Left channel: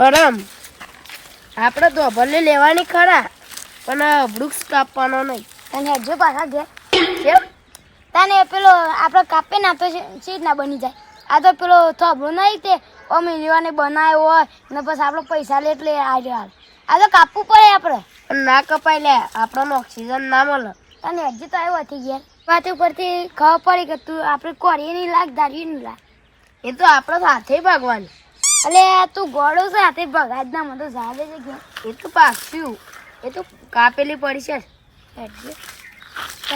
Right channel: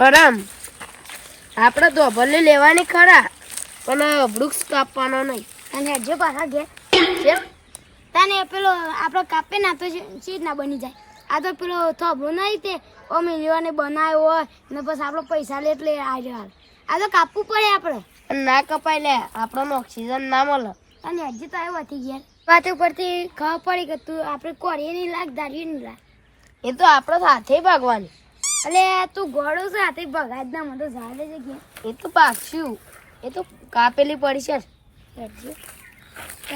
પરમ આપણે તો ભલે લેવાની ખરા પણ વૃક્ષ કાપવાનો નહીં. અને હજુ પાછા ઘેર તને પેલો આપણે કાપે ના તો ચીજ ના બની જાય. આ તો પેલો થોબડો નહીં તે અમે લેવાને બનાવ્યો હોય ને પછી આપણે પૈસા લે એટલે આ તો કાપવું પડે આપણે. પણ ના કપાય લે, આપણને ઓક્સિજન ના મળે. અને હજુ તો આવ્યો હતી ઘેર વાત ઉપરથી ખબર પડી કે તું આપણે કોરી નહીં લાગ ધારી નહીં લાગ. એ તો આપણે સાથે ભાગવાની. એટલે તું ગોળો છે હાથે ભગાજ ના મને તો ઝાડે છે ઘેર. એ તો પાક્યું, એ તો કાપેલી પડી છે.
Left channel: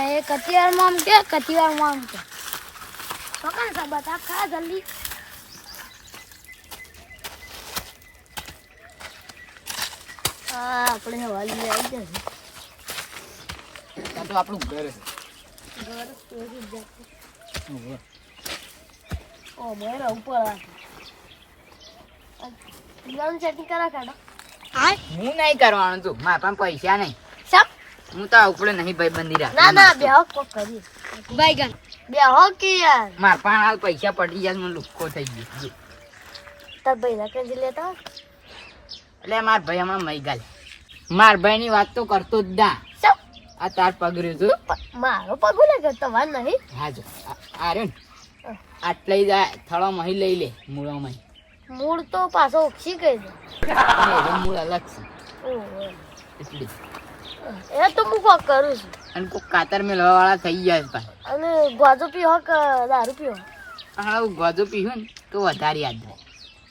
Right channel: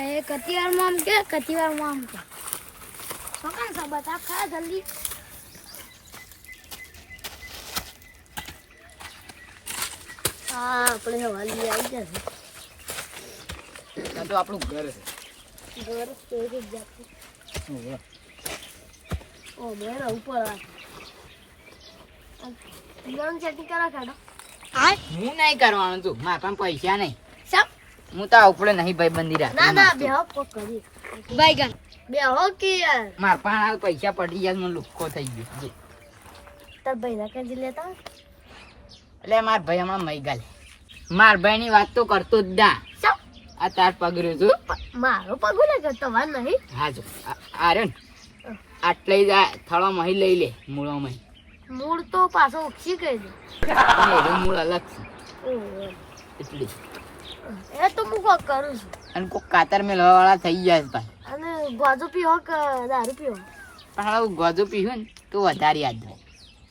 એ કતિવારમાં આમ કે કતિવારમાં આમ કે પકડ સા બતા ખા જલ્દી. આપણે હવાલી આવી જશે. આ તો આપણું ઘર છે. ઘર કેવી જાતું ઓ બેર ઉપર લોન સેટિંગ કરા કાઢા. હું નહીં કરવાનું તું, મારા પાસે પૈસા નહીં. સબ હું તો ઉપડે નહીં ભાઈબંધી ના રાખી. ના બે હક કરી ભાઈગન બે હક યાર મારા પાસે હાલ પૈસા પડી જાય મને લુખ્ખો થઈ ગયો. તાર ભાઈ ના કેજી લેતા એટલે મારા ભાઈ હમણાં મઈ ગાલે. મારા ભાઈ ની વાત તો કરતો જ ના. આ તાર પગર્યો છું. મારો પગો ને કરતો વાર નહીં. હા જો આ રહ્યો ને આટલે જાય થળો મહી લઈ લે મૂળો મહી. મૂળ તો પાછો ઓછી કરી દે. મૂળ અલગ છે એટલે. એ તો હું કોક કરું છું. અને કોઈ કાતર મેળવા વાળા થઈ જાય પાછા. અને ગોજો પીવો કે દારૂ પીવો? પણ હવે ગોજો પીવું ને તો વધારે યાદ રહે.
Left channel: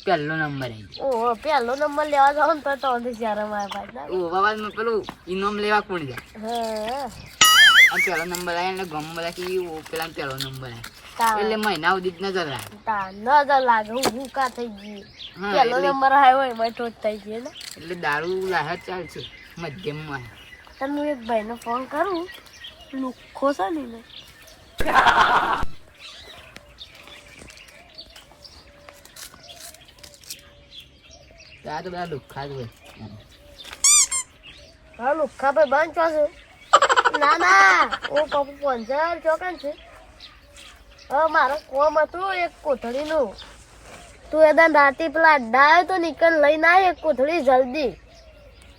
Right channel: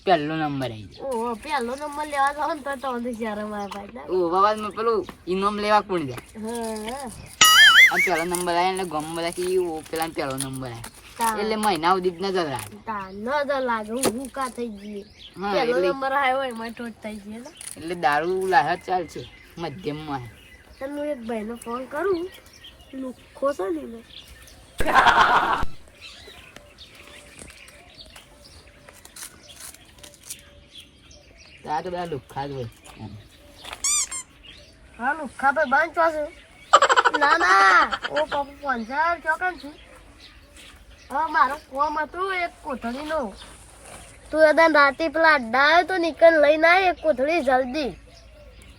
પહેલો નંબર આવી જાય. ઓહો પહેલો નંબર લેવા જાવ ને તો જ્યારે મારા ભાઈ ના ઓ બાબા પેલું ઇનામ લેવા કોણ જાય. હા અને પહેલો નંબર આવે એટલે ગમ બધા કે પેલા પહેલો નંબર આવે એટલે મહિના સુધી જ નજર રાખે. નજર લાગે હું કા થઈ ગઈ. હા પહેલો એટલે નંબર આવ્યો હોય એમાં તો જ થઈ ગઈ ને. એટલે દારૂ લાહે ચાલશે મધ્યમમાં. તમે એક ભાઈને ફોન કરું લુખ્ખો છે ને એને. આ તો બધા લુખ્ખા જ હોય. હા લુખ્ખા ભાઈ બાંધો છે. ના ના ઓ પપ્પુ 50 ચોકન છે. હા મારો કોમ હતું એક કોથળીનું. તું એદાન રાતે પેલા અડ્ડા આવ્યો તો નીકળ લઈને આવ એક કોથળી જલ્દી.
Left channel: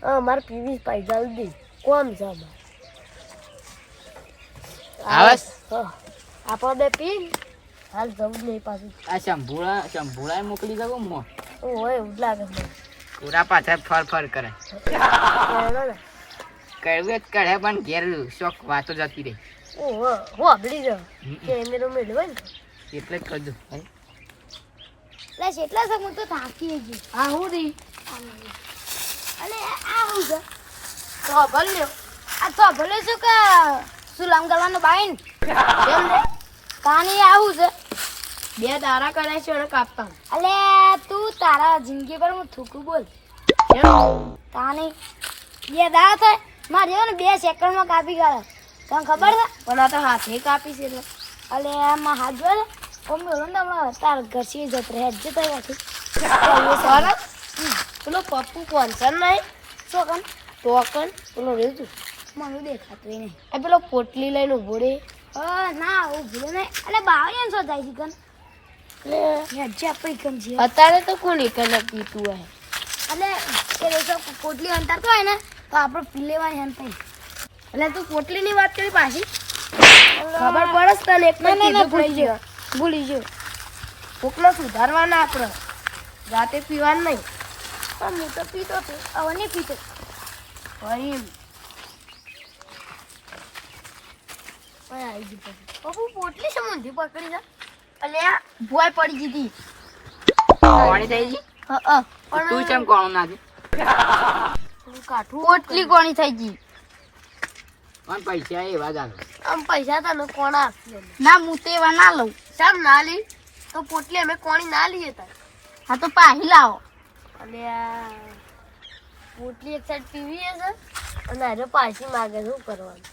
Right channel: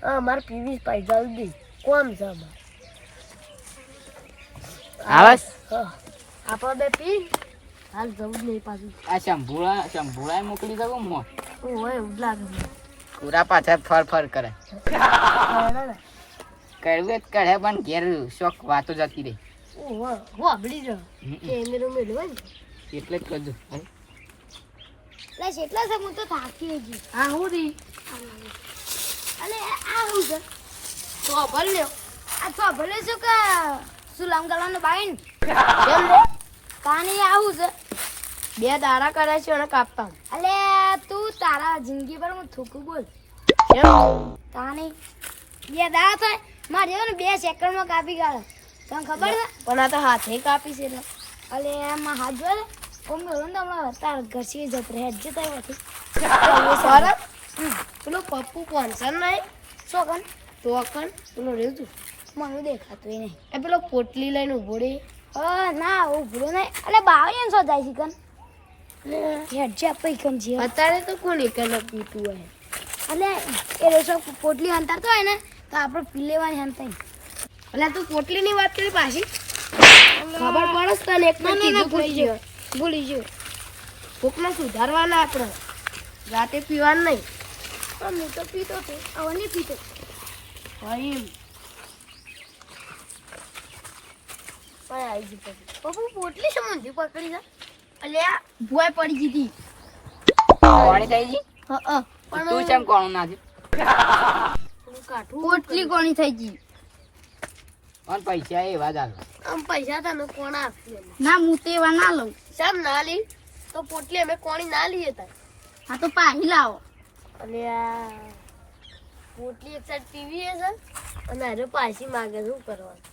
હા મારે પીવી પાઈ જલ્દી કોમ છે અમારે. આપણે બે પી હાલ જવું જ નહીં પાછું. આ શંભુળા મોકલી દો મો ઓય એવું જ લાગે છે. પૂરા પાછા ફર ફર કરે. કરવું જ કરે પણ ઘેર શોખ વાતો જતી રહી. ઓહો હો આપડી જ કેમેરો મેળવે ને એટલે જ કરજો. લે કેટલા છે હું તો થાકી ગઈ. હા હું દી અને આ હું છે તો ભલ લ્યો. આ તો ભલે શું કે સુલામ કરવાનો બાઈન પાણી આવું છે. બે દાડા કરાય છે અને કાપતા. અલે તું તારા જિંદગી પર હું થૂકું બોલ પાણી બે દાડા થાય મારે ને 2 સેકન્ડમાં કાપી કાઢે. તને ખબર છે? પણ આ તો હાથે કાપી છે એટલે. અલે એમાં હાથ જોડે મમ્મી ઓલો ને હમણાં તાર ઘસી જત રહે જ તૈયાર થઈ સરસ. પેલો પપ્પુ કોન્સર નહીં શું ટોકન પેલો રેજુ મને દેખાતું નહીં. એ પેલો પોટલી લઈને ઉભો રે. ના હું ભૂલો નહીં. એટલે બાવળિયા શો જાય છે કન હેડજે આપી કન છે. અત્યારે તો કોણ એક જ પીતું હોય. અને એ રેસો પોટલી અંતરતો હોય ને તો આપણે પી લેવાની હંતાઈ. એટલે તું પોટલીની વાત કરી પાછી ખબર પડે તને એક કીધું ભૂલી ગયો. ભૂલી ગયું કોકનો સુધારવાના આપણે રાતે પીવાનું નહીં. પણ હું તો પીતો છું હવે નહીં પીતો. ભાઈ આવી ગઈ પપ્પુ પોટલી શું ઊંધી પકડી છે? અલ્યા ભોય પડી જીધી. કોણી થઈ ગઈ હા તું કેમ કોણ નાખી. થોડું કાઠું પોટલી કોની થઈ ગઈ? પણ પૈસા એવા જ આવે. આમ પૈસા તને કોણ આપશે? ના હું તો એવા ના લઉં. સાહેબ ના લી તો પોટલી અમે કોણી ના લઈએ તાર. હા તો પાહી લાવો. અલ્યા પોટલી એક સાઈડ પીવી છે અને અરે પાછી માગે શું કરવાનું?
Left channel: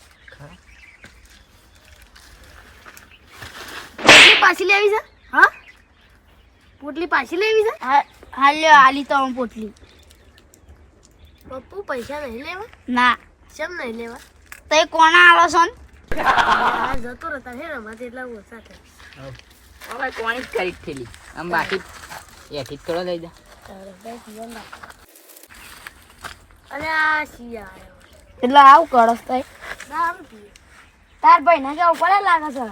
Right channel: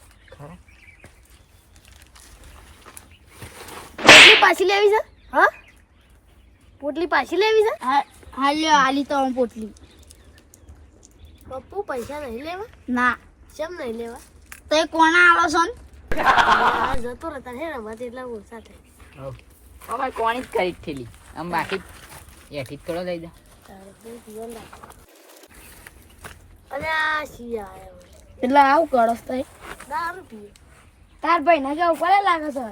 પોટલી પાછી લેવી છે? હા પોટલી પાછી લેવી છે? હા લ્યો આલી તો હું પોટલી. પપ્પુ પૈસા નહીં લેવા? ના કેમ નહીં લેવા? તો એ કોના આલો છો ને? આ જતો રહેતા હે ને અમારે એટલા ઓછા થાય. અમે કોણી જ કરી જ થેલી આમ બાકી એથી થોડો લઈ જા. અને આ શિયા આવ્યો. એટલે આવું કરસ તઈ દારૂ પીએ. તાર ભાઈ ને જવું પડે લાગે છે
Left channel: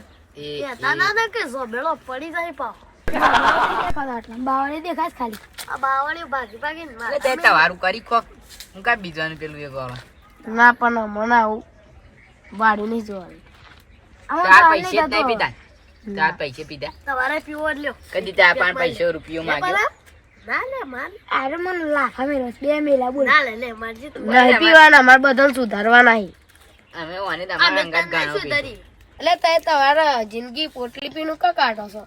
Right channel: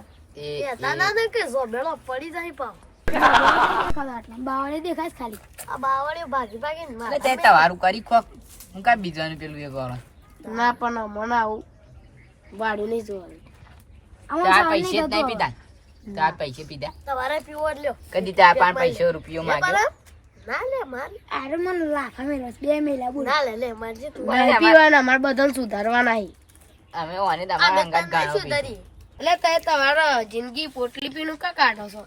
કહેતા ના ને કે ઝોબેલો પડી જાય પાવ. બાવળી દેખાય છે ખાલી આ બાવળીઓ ભાગી ભાગીને મારે. એટલે તે તમારું કરી ખોક હું કાંઈ બીજાનું પેલું એ કરો ના પણ મને આવું વાડી નહીં જોવાનું. ચાર પૈસે જ નહીં પીધા ચાર પૈસે પીધા તમારે પીવો જ લ્યો. કદી ચાર પાંચ પૈસે રૂપિયો માગ્યો ના લે માર. અરે મને લાખા મેળવે છે. 2 મેલા બોલ ના લે લે મારજે તું. નહીં પીવાના અમારે બધાને સુધારવા નહીં. અમે ઓને તમારા અંગાત ગાળો પીધો. એટલે તે તમારા જિંદગી પોટલી પીનું કા કાઢો છો?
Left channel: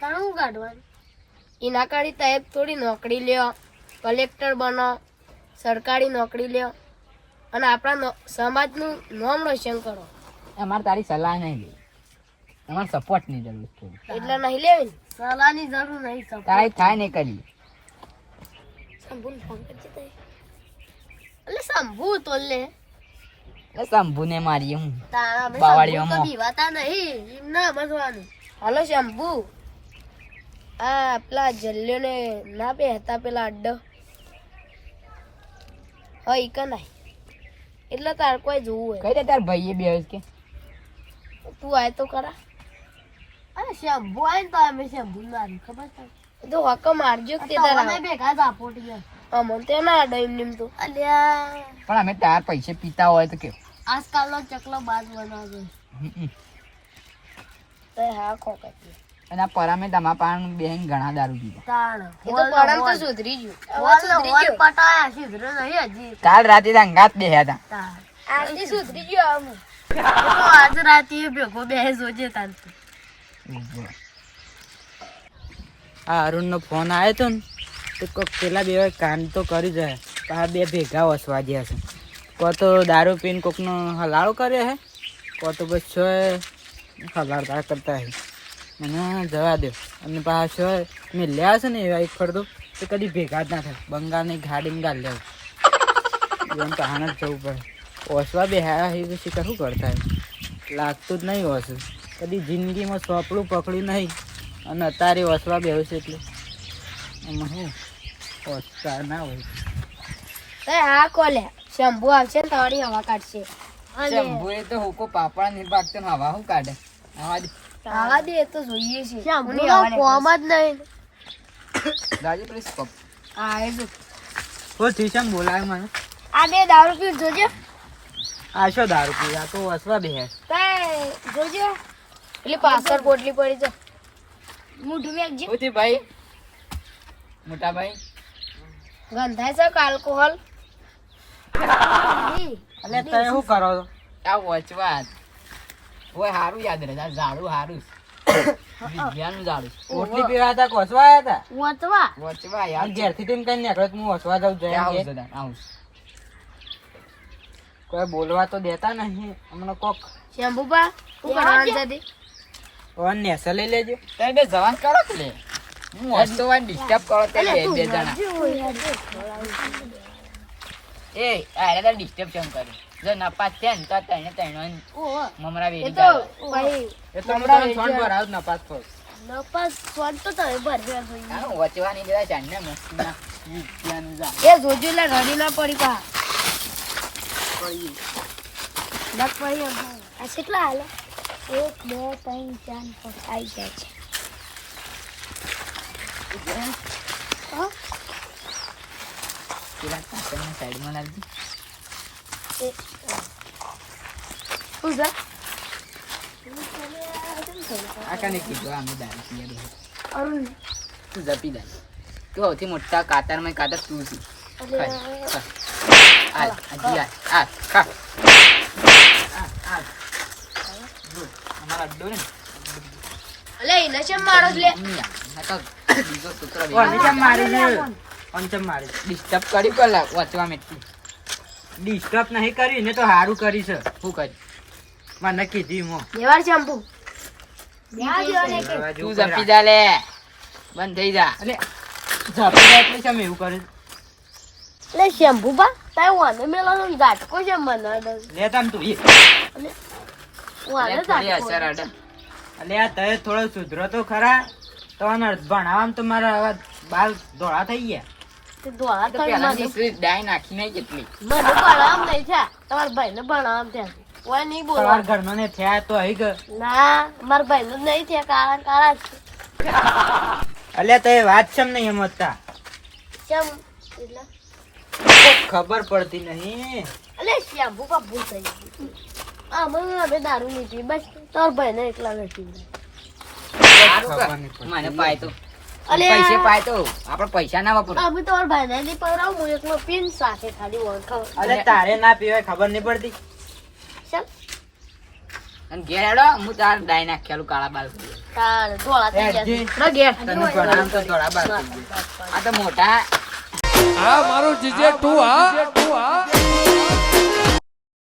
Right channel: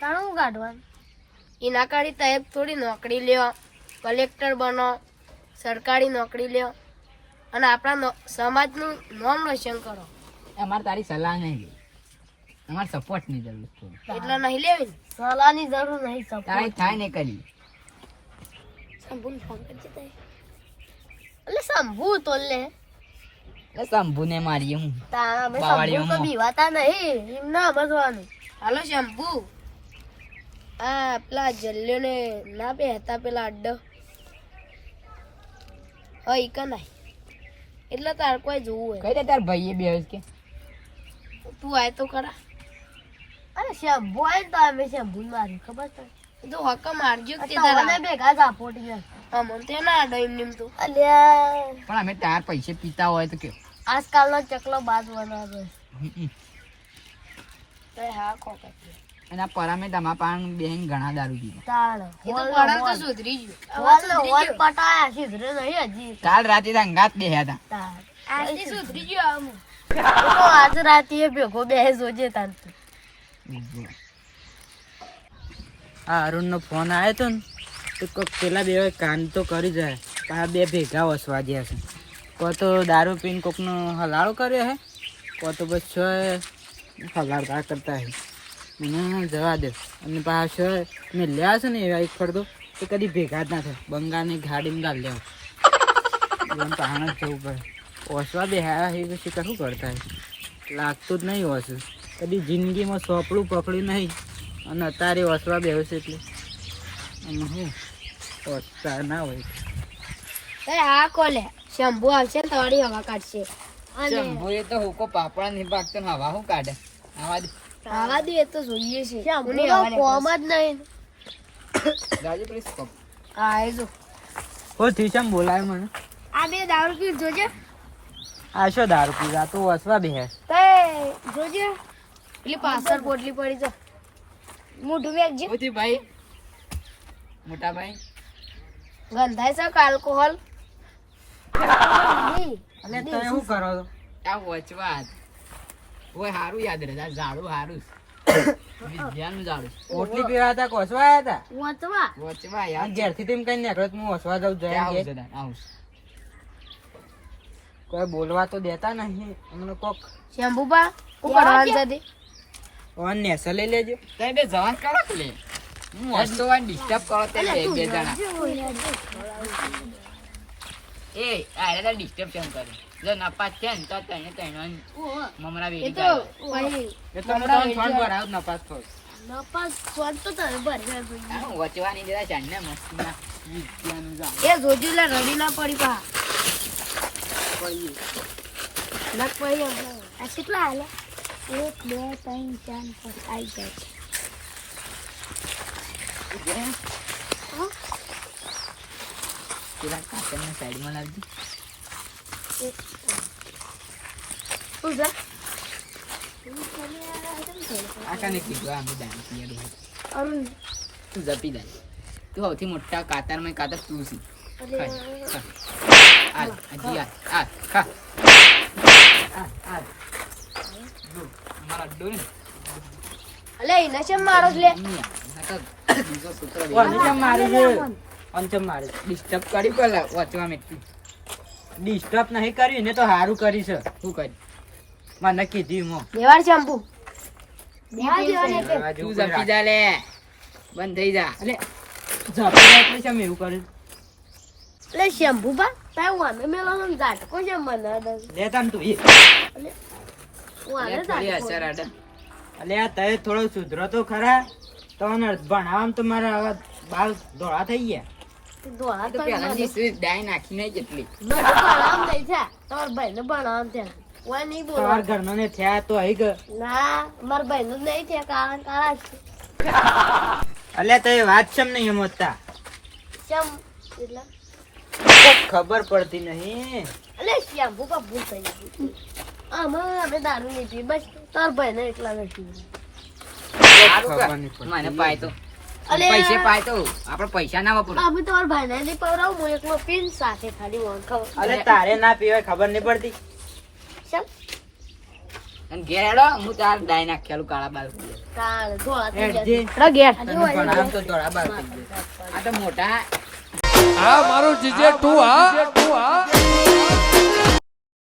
તાણ હું કાઢવાનું? એના કાઢી તમે થોડી નોકરી લ્યો, કલેક્ટર બનો, સરકારી નોકરી લ્યો અને આપણા સમાજનું નામ રોશન કરો. અમારે તારી સલાહ નહીં લેવી અમારે સપોર્ટ ની જરૂર છે એટલે નહીં લેવી ને? સલાહની જરૂર નહીં. તારે થાય નહીં કરી શંભુને ફોન કરજે તારે. એટલે શંભુ તો લે એટલે શંભુ ને મારીએ હું તારા અમે બાવાળીઓમાં. શંભુ તો બીવાતા નહીં. એમ ના સમજવાનું. હાલો શંભુ, આ પેલા જલ્યોને ના બેહતા પેલા અડ્ડો હોય કે નહીં એટલે તાર કોઈ જોવું હોય કઈ દે તાર ભાઈએ બે કે તું આય તો ખરા. અરે શંભુ આય ને તો અમે શંભુ મારી ખબર છે તો હક મારજો કે તારા ભેગા જ આપોટી અમન તે ના અડો એમ નેમ તું. અલ્યા પણ અમે તાર પૈસે પીતા હોય તો કે આજકાલનો ચકલો બાદ બનાવજો. એ હા ખોકે એના પરામે તમારા પાન બેન ઘણા દારૂ પીધા તાણ એ તો પરમ તો સુધરી ગયું. હોલ પટાયા સુધરે નહીં હજી. કાલ રાતે તો અંગાત બેહ્યા હતા તાણ આજે સુધરી ગયો આમ. તો આજ રાતે ભેગો બે જોજે તાન તું. આ અરુણનો ફોન આવ્યો તો ને તો કોક પેલા બે કામ તો કરી જાય આ બે ભેગા વસવા ગયા છે કો તો દારૂ પીને કોકનો હલાળો કરે હે કો તો પછી હલાળતા કરતા હે મને જવા દે અને પાછો મેં લ્યા છે ને એવા એક ફરતો તો કદી ભેગા જ ના થાય બંગાળની ગાડીમાં ગાળ લેવું એમ કહાણ જ જવું પડે ઓસવા બે હા એ પછી કશું કરતા હોય લાગતું જ નહીં ઓછું કદી જિંદગીમાં સોપડું પકડ્યું નહીં અને અત્યારે ઓસવા બેહું છે એટલે આમાં શું ઓસતા ના હોય એ હા કોલે શંભુ આવશે ને તમારી હવા કાઢશે. શંભુ એ તો હુકો પાપડા નહીં ભાગતો ને હવા શું કાઢે આવા દે આવા દે એ તો જોઈએ છે. કોની હવા કોમ જ નહીં. રાજી પ્લીઝ કપ હા એ જો ઓ થીસમ બોલાય મને આ બે દારૂ પી જોજે. આ શું દારૂ પી આ તો ઓસવા બે તે જોજે એટલે પાછળ પોટલી પડી છે. મોઢું વેચજે. ઓથી ભાઈ મોટા ભાઈ ગંધાય છે કે આલ્કોહોલ? એટલે તમે શું કરો છો આ વચવા ઓય હારું યાદ રહે આ ઝાડું હારું વિદ્યાનું ઝાડું ઓટલી પીવા હતા કે ઓસવા આવ્યા વચવા વચવા હતા યાર ઘેરથી તેમ કઈ નીકળો તો હું ઓસવા જાઉં જોઈએ આવું કે જતા આવું કોઈ બોલવા તો દેતા નહીં અમને કોક શંભુબા હું કરવાનું છે તે? ઓન નેસો લઈ લેજો તમે બે જવાન કરો કે લે હું હસતો વાર ડિસ્ટર્બ કરો તે બે બે જણા એ આને તો ડિસ્ટર્બ કેમ કરે જો નપાસ છે ને તો તને તને મમરા એ વેરી તો ભાઈ એટલે હું તમને ફોન પર આવું નપાસ કરું નપાસ સ્વાદ તો તમે ભરવા જોઈએ. આ વચવાની દેવા ચાંદને મસ્તીમાં વિદ્યાનું ઝાડ એ જોજે લે રડી ના પડી પા લગ પડી આ કેટલા હાલે 1 2 3 4 5 આવી જાય છે પેલા કાચરના સાઈડમાં લાવજી શું છે? આ કાને કીધું આ અમે દારૂ પીએ બે અરુણ તું જપી દે તું સૌથી મોટા કાતરમાં કાતર તું છે હાલ હજી હાલ ખા અમારા અડ્ડો ને અલે એને શેમ મારો છે લે? મેં તો બીજો કૂતરો ઓને કેમ મારે છે ઓન કેમ મારે છે ડિસ્ટર્બ કરી પેલા વાંચવા મેં ડિસ્ટર્બ નહીં કર્યું ને તો સારું કરી છે શું કરી મને કીધી મો દેવાળ શેમ્પુ તું જપી જા લે બંધ થઈ જા એટલે ઝાપડા એટલે કેમ એવું કરે લે શેમ્પુ બા તાય વાને મેલા ગાટકો છે મને લે તમ તું એ વાને થોડી અસર અડે એટલે આ તય થોડો સુધરો તો ખરા તમને ભણાવવામાં તો મારા હવે બાલ ધોળા થઈ ગયા. તે ધોળા તો થઈ પહેલાની મને સ્વીટ ડાય નાખી નહીં જેટલી. મને ભણાવવામાં નહીં થયા. તમારા ભાઈને ભણાવવામાં થયા. કોઈ નહીં બોલો. તમારા ઘરમાં ને થયા તો હઈ ગયો. ના, મારા ભાઈને જ નહીં થયા. કાળા કાળા જ. અલ્યા તો એ વાત ચમ નહીં સમજતા. ચમ એટલે ખબર પડતી નહીં. અલે શ્યામ્પુ કા ભૂલ થઈ ગઈ. આમાં હવે દારૂ નહીં પી. બસ તાર ભાઈને એકલા નથી. ખબર નહીં પડતી. મને પાય તો અલે પૈસે પાય તો આપણે પૈસા ના વાપરો. અમે તમારા ભાઈને નહીં પવડાવું. હું એકલો પીને સાથે ખાલી વોન ખાવ. અલે તારે ના પીવાય ખબર નહીં પડતી. ચમ અને ઘેર હેડો, હું તાર ડાય નાખેલું કાળા બાલ. તાળ ધોળા થઈ હેડ જે. ગયા. ઘેર તને ભણાવું તો ધોળા બાલ થઈ ગયા. આ તો મોટા હા મારું જીજે તું હા